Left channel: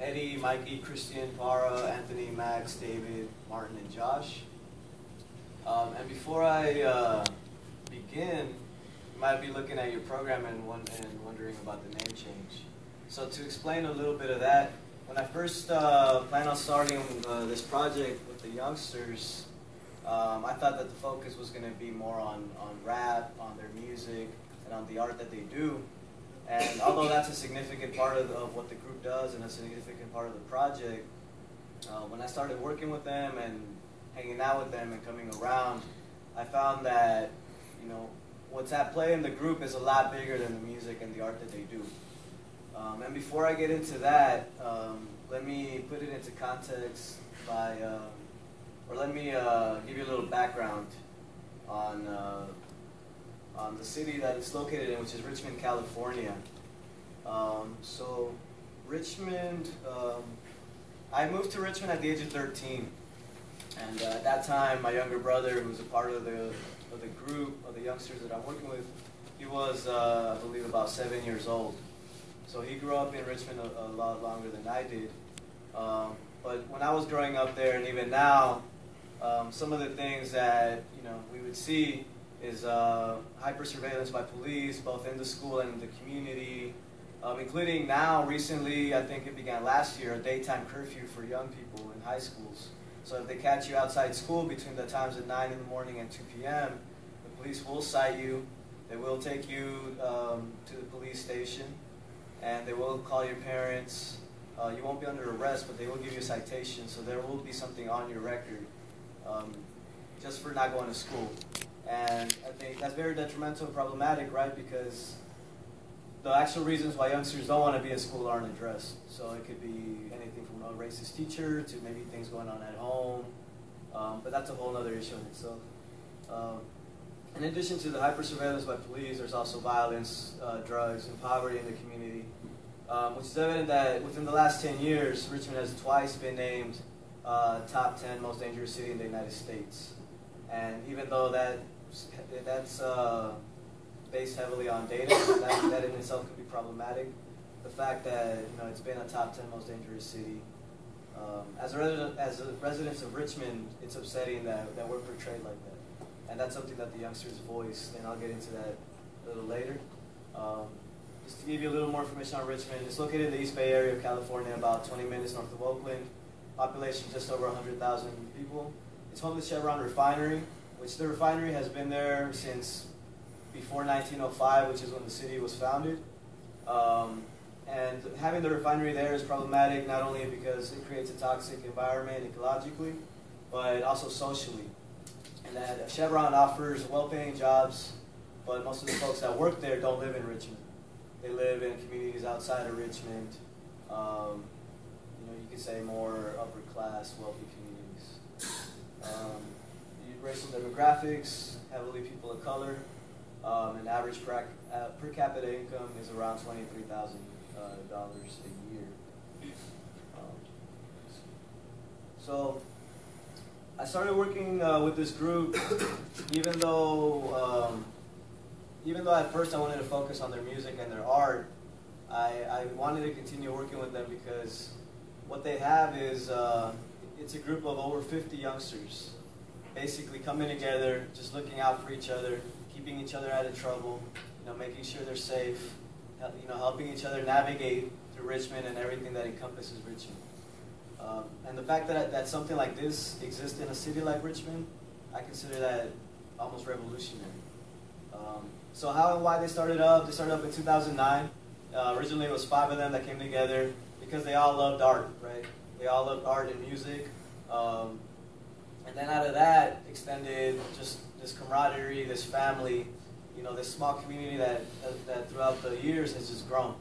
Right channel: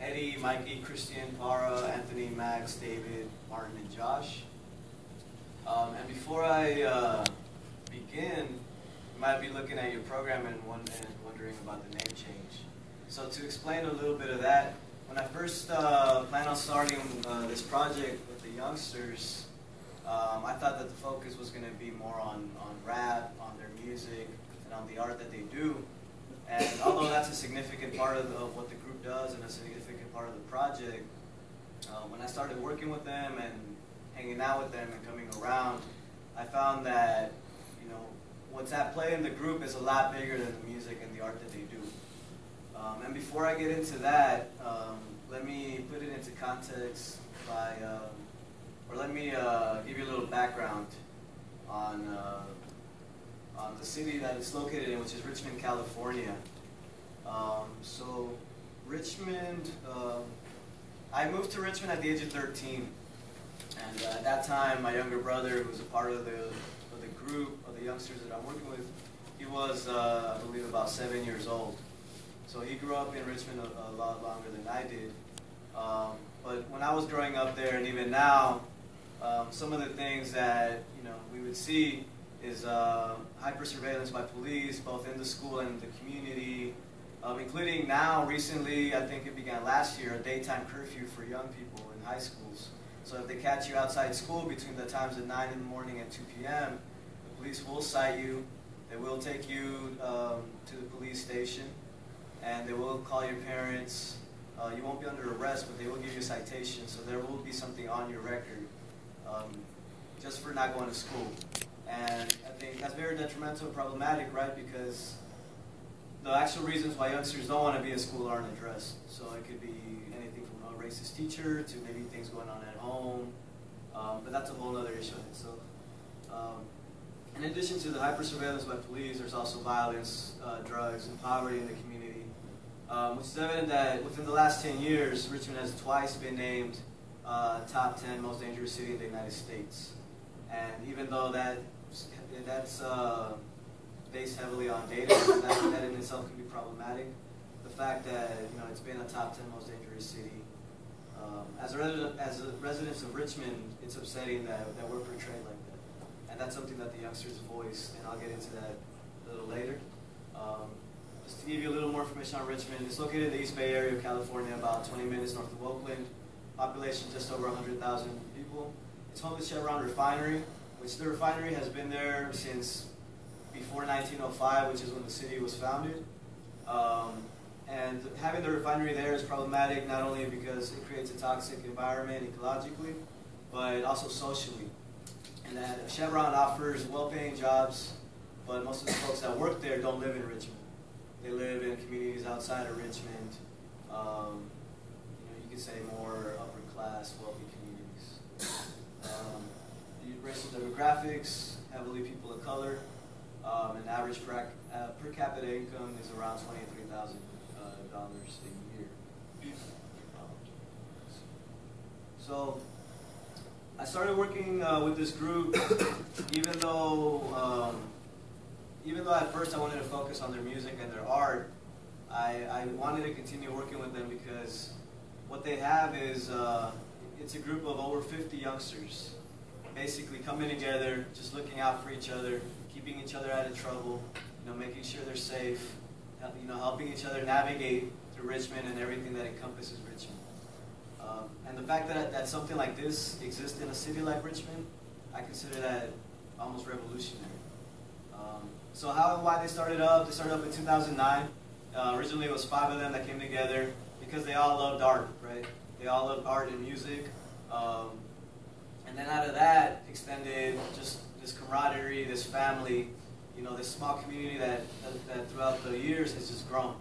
Eddie, Mikey, Christian, Para, Anthony, Max, David, Martin, and Josh. And before I begin, you might be looking at your program and wondering about the name change. So to explain a little bit of that, when I first planned on starting this project with the youngsters, I thought that the focus was going to be more on rap, on their music, and on the art that they do. And although that's a significant part of what the group does and a significant part of the project, when I started working with them and hanging out with them and coming around, I found that, you know, what's at play in the group is a lot bigger than the music and the art that they do. And before I get into that, let me put it into context by, or let me give you a little background on the city that it's located in, which is Richmond, California. So Richmond, I moved to Richmond at the age of 13. And at that time, my younger brother, who was a part of the group of the youngsters that I'm working with, he was, I believe, about 7 years old. So he grew up in Richmond a lot longer than I did. But when I was growing up there, and even now, some of the things that we would see is hyper surveillance by police, both in the school and in the community, including now, recently, I think it began last year, a daytime curfew for young people in high schools. So if they catch you outside school between the times of 9 in the morning and 2 p.m., the police will cite you. They will take you to the police station, and they will call your parents. You won't be under arrest, but they will give you a citation, so there will be something on your record just for not going to school. And I think that's very detrimental and problematic, right? Because the actual reasons why youngsters don't want to be at school aren't addressed. So it could be anything from a racist teacher to maybe things going on at home. But that's a whole other issue in itself. In addition to the hyper-surveillance by police, there's also violence, drugs, and poverty in the community, which is evident that within the last 10 years, Richmond has twice been named top 10 most dangerous city in the United States. And even though that's based heavily on data, that in itself can be problematic, the fact that it's been a top 10 most dangerous city, as residents of Richmond, it's upsetting that we're portrayed like that. And that's something that the youngsters voiced, and I'll get into that a little later. Just to give you a little more information on Richmond, it's located in the East Bay area of California, about 20 minutes north of Oakland. Population just over 100,000 people. It's home to Chevron Refinery, which the refinery has been there since before 1905, which is when the city was founded. And having the refinery there is problematic, not only because it creates a toxic environment ecologically, but also socially. And that Chevron offers well-paying jobs, but most of the folks that work there don't live in Richmond. They live in communities outside of Richmond. You could say more upper-class, wealthy communities. Racial demographics, heavily people of color, and average per capita income is around $23,000 a year. So I started working with this group, even though at first I wanted to focus on their music and their art. I wanted to continue working with them because what they have is it's a group of over 50 youngsters, basically coming together, just looking out for each other, keeping each other out of trouble, making sure they're safe, helping each other navigate through Richmond and everything that encompasses Richmond. And the fact that something like this exists in a city like Richmond, I consider that almost revolutionary. So how and why they started up in 2009. Originally it was 5 of them that came together because they all loved art, right? They all loved art and music. And then out of that extended just this camaraderie, this family, this small community that throughout the years has just grown.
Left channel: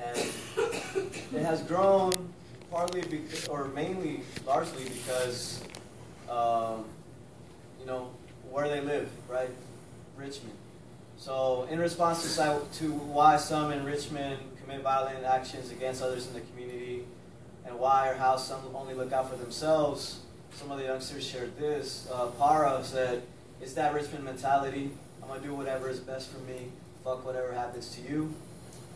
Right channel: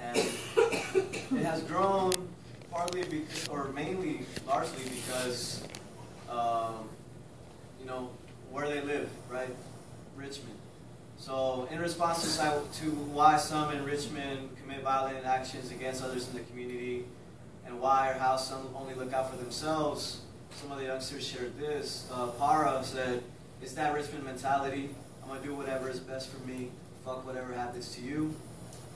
And it has grown partly because, or mainly, largely because, where they live, right? Richmond. So in response to why some in Richmond commit violent actions against others in the community, and why or how some only look out for themselves, some of the youngsters shared this. Para said, "It's that Richmond mentality. I'm going to do whatever is best for me. Fuck whatever happens to you."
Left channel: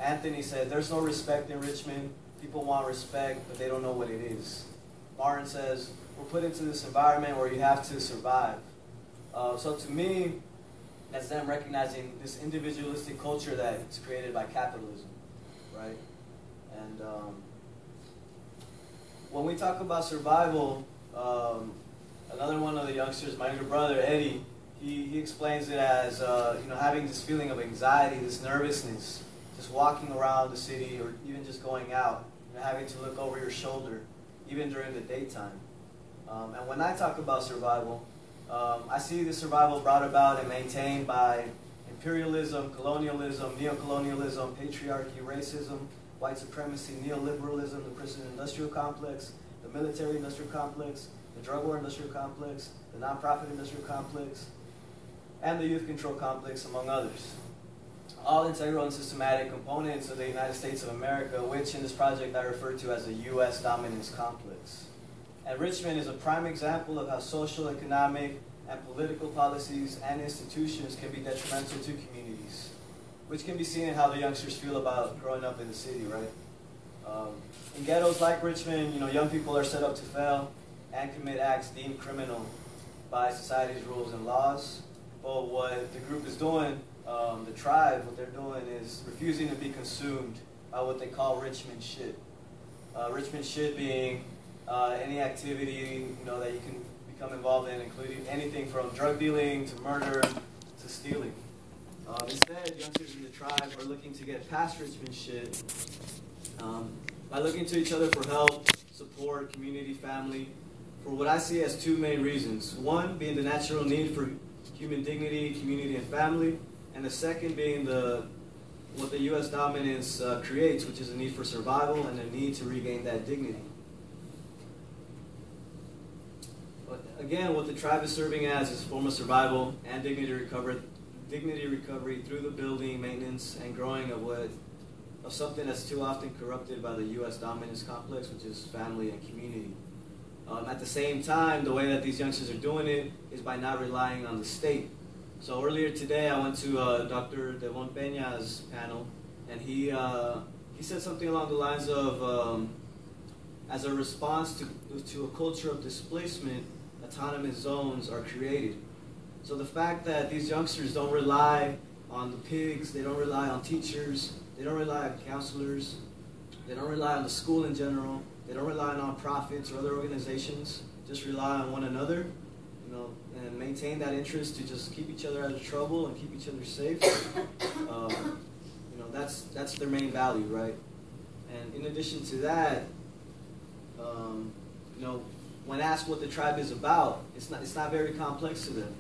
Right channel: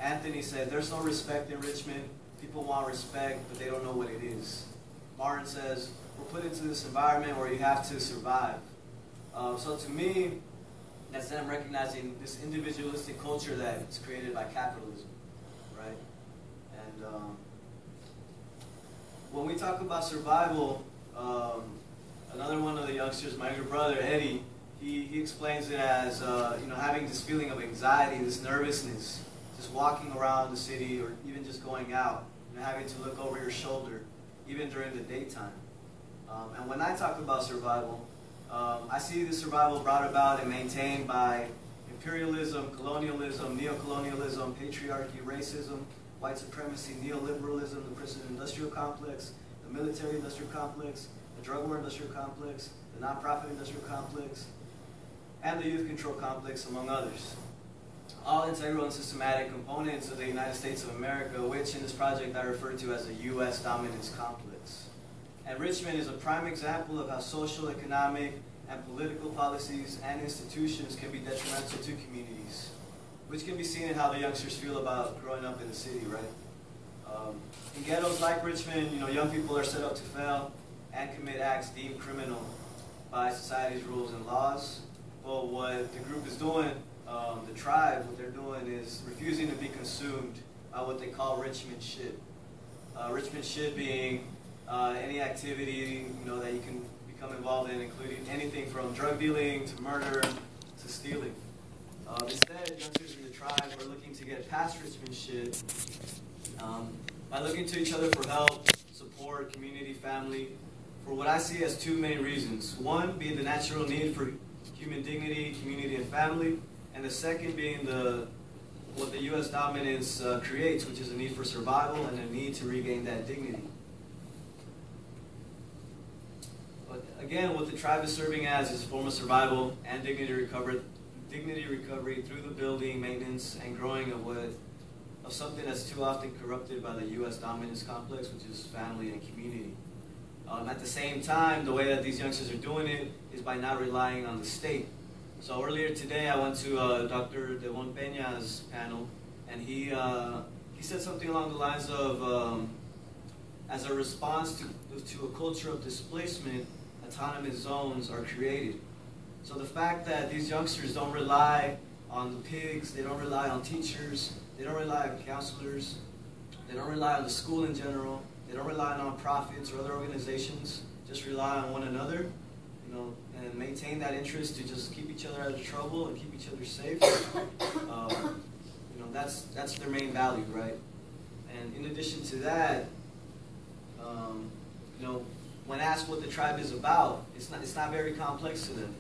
Anthony said, there's no respect in Richmond. People want respect, but they don't know what it is. Martin says, we're put into this environment where you have to survive. So to me, that's them recognizing this individualistic culture that's created by capitalism, right? And when we talk about survival, another one of the youngsters, my younger brother, Eddie, he explains it as having this feeling of anxiety, this nervousness, just walking around the city or even just going out, having to look over your shoulder, even during the daytime. And when I talk about survival, I see this survival brought about and maintained by imperialism, colonialism, neocolonialism, patriarchy, racism, white supremacy, neoliberalism, the prison industrial complex, the military industrial complex, the drug war industrial complex, the nonprofit industrial complex, and the youth control complex, among others. All integral and systematic components of the United States of America, which in this project I refer to as the U.S. dominance complex. And Richmond is a prime example of how social, economic, and political policies and institutions can be detrimental to communities, which can be seen in how the youngsters feel about growing up in the city, right? In ghettos like Richmond, young people are set up to fail and commit acts deemed criminal by society's rules and laws. But what the group is doing, the tribe, what they're doing is refusing to be consumed by what they call Richmond shit. Richmond shit being any activity that you can become involved in, including anything from drug dealing to murder to stealing. Instead, youngsters in the tribe are looking to get past Richmond shit by looking to each other for help, support, community, family, for what I see as two main reasons. One being the natural need for human dignity, community, and family, and the second being what the U.S. dominance creates, which is a need for survival and a need to regain that dignity. But again, what the tribe is serving as is a form of survival and dignity recovery through the building, maintenance, and growing of something that's too often corrupted by the U.S. dominance complex, which is family and community. At the same time, the way that these youngsters are doing it is by not relying on the state. So earlier today, I went to Dr. Devon Peña's panel, and he said something along the lines of, as a response to a culture of displacement, autonomous zones are created. So the fact that these youngsters don't rely on the pigs, they don't rely on teachers, they don't rely on counselors, they don't rely on the school in general, they don't rely on nonprofits or other organizations, just rely on one another, and maintain that interest to just keep each other out of trouble and keep each other safe. That's their main value, right? And in addition to that, when asked what the tribe is about, it's not very complex to them.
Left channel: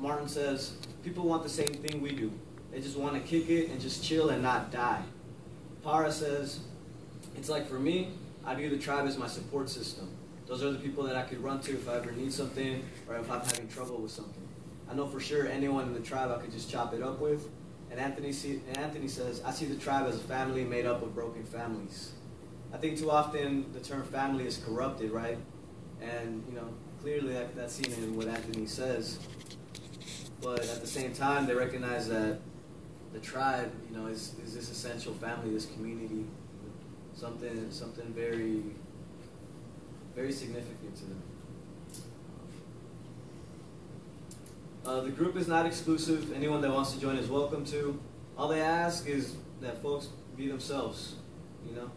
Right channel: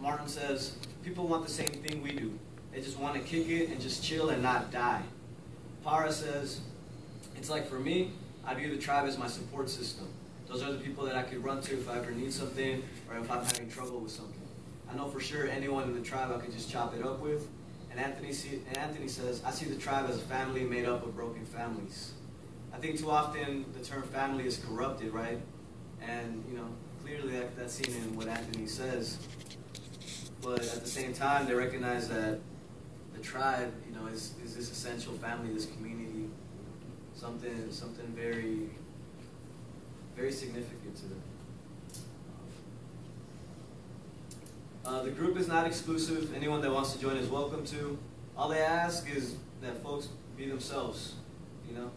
Martin says people want the same thing we do. They just want to kick it and just chill and not die. Para says it's like, for me, I view the tribe as my support system. Those are the people that I could run to if I ever need something or if I'm having trouble with something. I know for sure anyone in the tribe I could just chop it up with. And Anthony says, I see the tribe as a family made up of broken families. I think too often the term family is corrupted, right? And, clearly that's seen in what Anthony says. But at the same time, they recognize that the tribe, is this essential family, this community, something very, very significant to them. The group is not exclusive. Anyone that wants to join is welcome to. All they ask is that folks be themselves.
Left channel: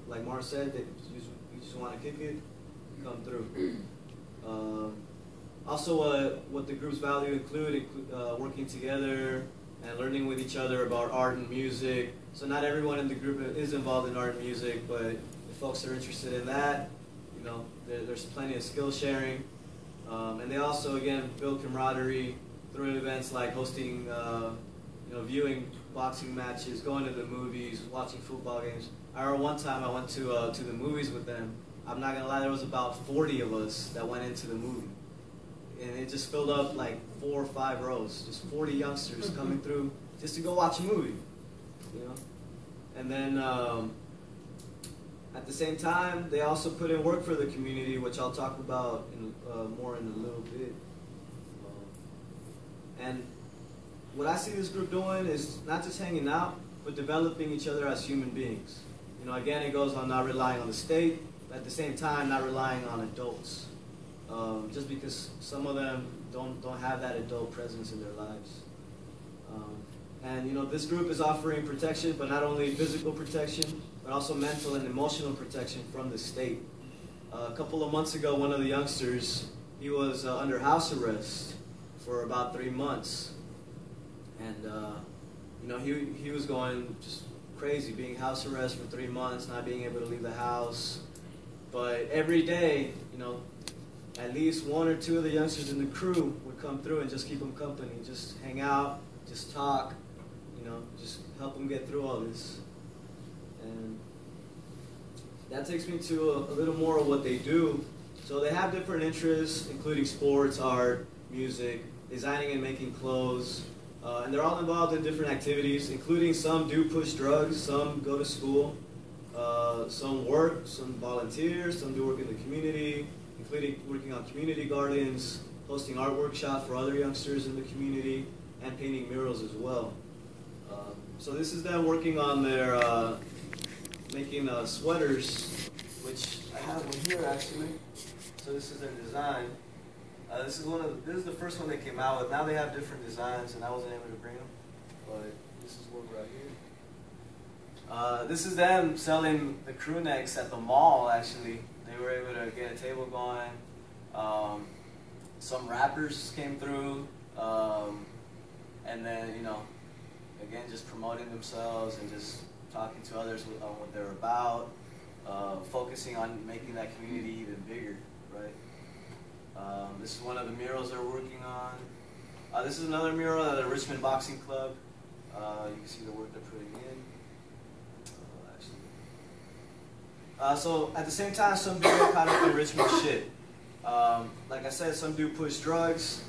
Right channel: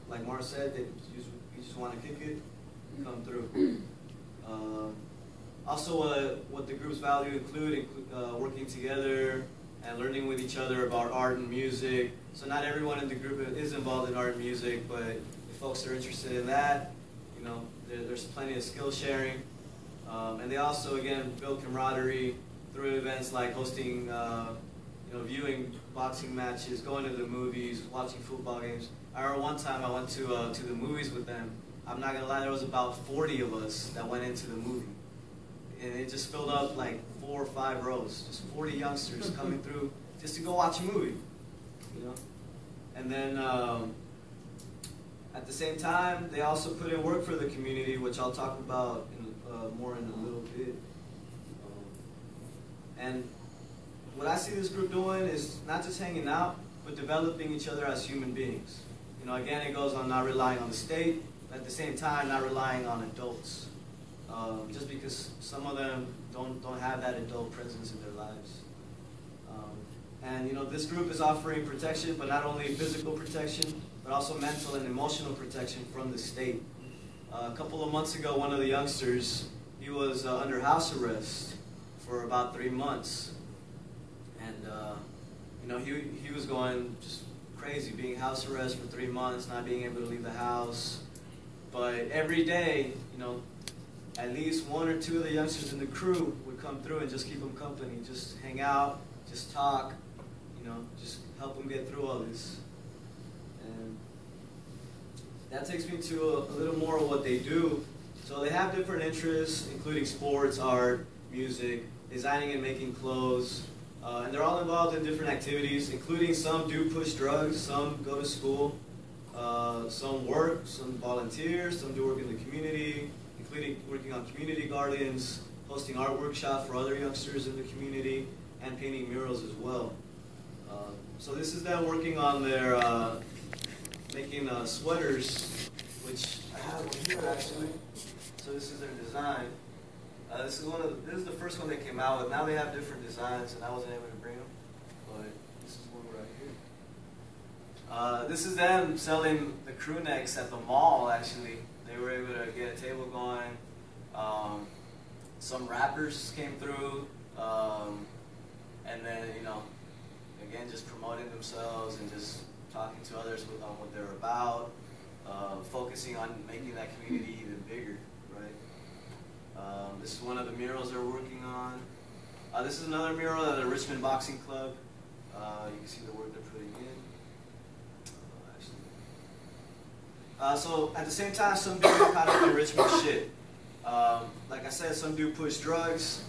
Like Mara said, you just want to kick it, come through. Also, what the group's value include working together and learning with each other about art and music. So not everyone in the group is involved in art and music, but if folks are interested in that, there's plenty of skill sharing. And they also, again, build camaraderie through events like hosting, viewing boxing matches, going to the movies, watching football games. I remember one time I went to the movies with them. I'm not going to lie, there was about 40 of us that went into the movie. And it just filled up like 4 or 5 rows. Just 40 youngsters coming through just to go watch a movie. And then at the same time, they also put in work for the community, which I'll talk about more in a little bit. And what I see this group doing is not just hanging out, but developing each other as human beings. You know, again, it goes on not relying on the state, but at the same time, not relying on adults. Just because some of them don't have that adult presence in their lives. And you know, this group is offering protection, but not only physical protection, but also mental and emotional protection from the state. A couple of months ago, one of the youngsters, he was under house arrest for about 3 months. And you know, he was going just crazy, being house arrest for 3 months, not being able to leave the house. But every day, you know, at least 1 or 2 of the youngsters in the crew would come through and just keep him company, just hang out, just talk, you know, just help him get through all this. And that takes me to a little more of what they do. So they have different interests, including sports, art, music, designing and making clothes, and they're all involved in different activities, including some do push drugs, some go to school, some work, some volunteer, some do work in the community, including working on community gardens, hosting art workshops for other youngsters in the community, and painting murals as well. So this is them working on their making sweaters, which I have one here actually. So this is their design. This is the first one they came out with. Now they have different designs, and I wasn't able to bring them, but this is one right here. This is them selling the crew necks at the mall. Actually, they were able to get a table going. Some rappers came through, and then, you know, again, just promoting themselves and just talking to others on what they're about, focusing on making that community even bigger, right? This is one of the murals they're working on. This is another mural at the Richmond Boxing Club. You can see the work they're putting in. So at the same time, some do get caught up in Richmond shit. Like I said, some do push drugs.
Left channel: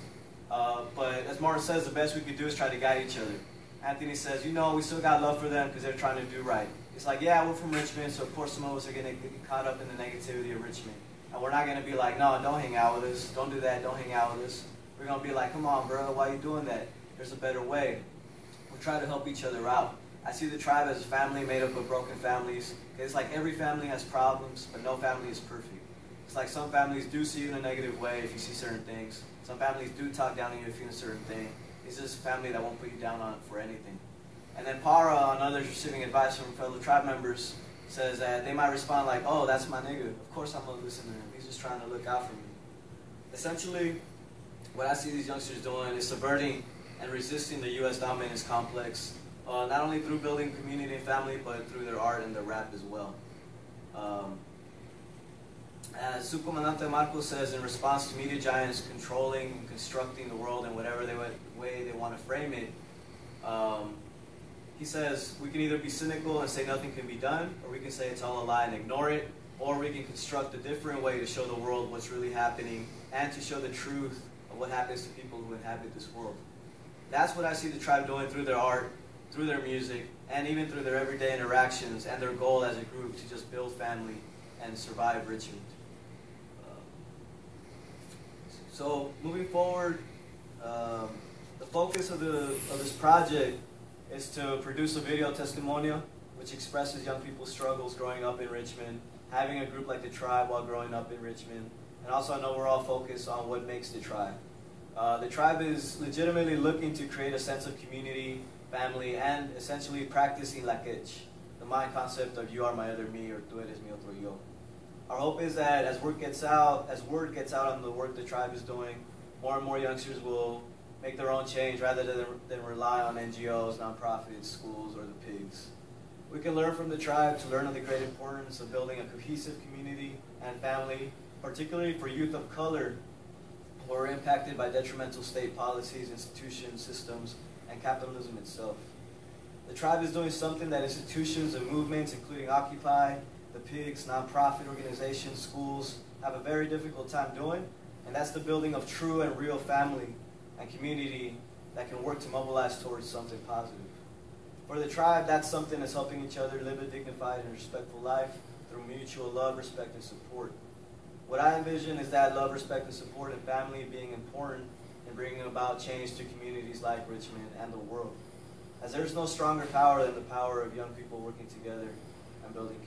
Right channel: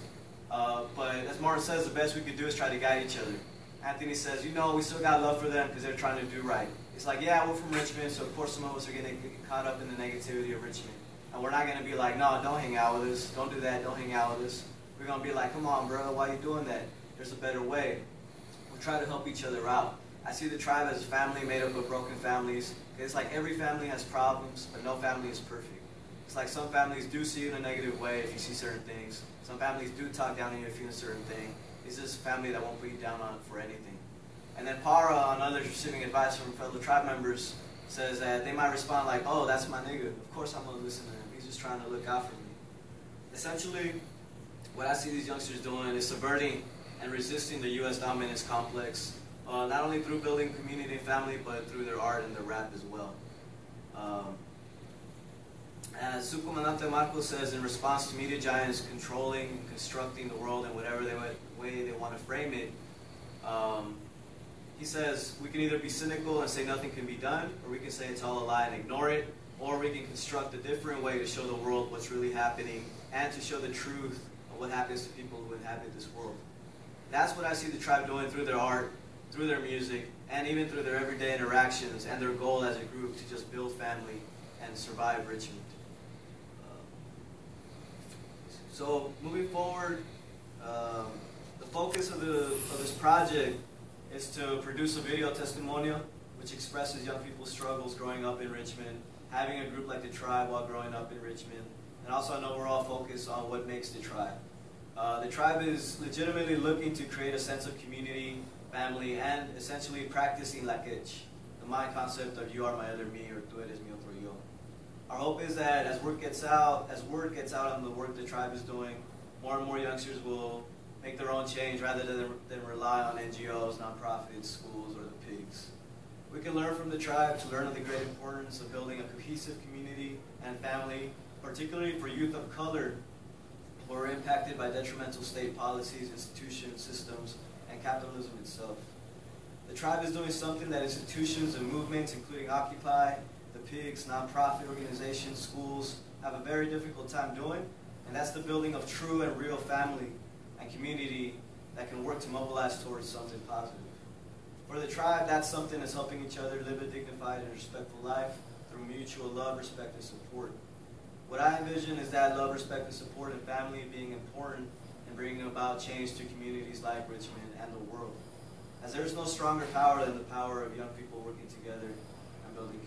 But as Martin says, the best we could do is try to guide each other. Anthony says, you know, we still got love for them because they're trying to do right. It's like, yeah, we're from Richmond, so of course some of us are going to get caught up in the negativity of Richmond. And we're not going to be like, no, don't hang out with us. Don't do that. Don't hang out with us. We're going to be like, come on, bro, why are you doing that? There's a better way. We'll try to help each other out. I see the tribe as a family made up of broken families. It's like every family has problems, but no family is perfect. It's like some families do see you in a negative way if you see certain things. Some families do talk down on you if you do a certain thing. It's just a family that won't put you down on for anything. And then Para, on others receiving advice from fellow tribe members, says that they might respond like, oh, that's my nigga. Of course I'm going to listen to him. He's just trying to look out for me. Essentially, what I see these youngsters doing is subverting and resisting the U.S. dominance complex, not only through building community and family, but through their art and their rap as well. As Subcomandante Marcos says, in response to media giants controlling, constructing the world in whatever way they want to frame it, he says, we can either be cynical and say nothing can be done, or we can say it's all a lie and ignore it, or we can construct a different way to show the world what's really happening and to show the truth of what happens to people who inhabit this world. That's what I see the tribe doing through their art, through their music, and even through their everyday interactions and their goal as a group to just build family and survive Richmond. So moving forward, the focus of this project is to produce a video testimonial which expresses young people's struggles growing up in Richmond, having a group like the tribe while growing up in Richmond, and also an overall focus on what makes the tribe. The tribe is legitimately looking to create a sense of community, family, and essentially practicing NACCS, the mind concept of you are my other me, or tú eres mi otro yo. Our hope is that as word gets out on the work the tribe is doing, more and more youngsters will make their own change rather than rely on NGOs, nonprofits, schools, or the pigs. We can learn from the tribe to learn of the great importance of building a cohesive community and family, particularly for youth of color who are impacted by detrimental state policies, institutions, systems, and capitalism itself. The tribe is doing something that institutions and movements, including Occupy, the pigs, nonprofit organizations, schools, have a very difficult time doing, and that's the building of true and real family and community that can work to mobilize towards something positive. For the tribe, that's something that's helping each other live a dignified and respectful life through mutual love, respect, and support. What I envision is that love, respect, and support and family being important in bringing about change to communities like Richmond and the world. as there is no stronger power than the power of young people working together and building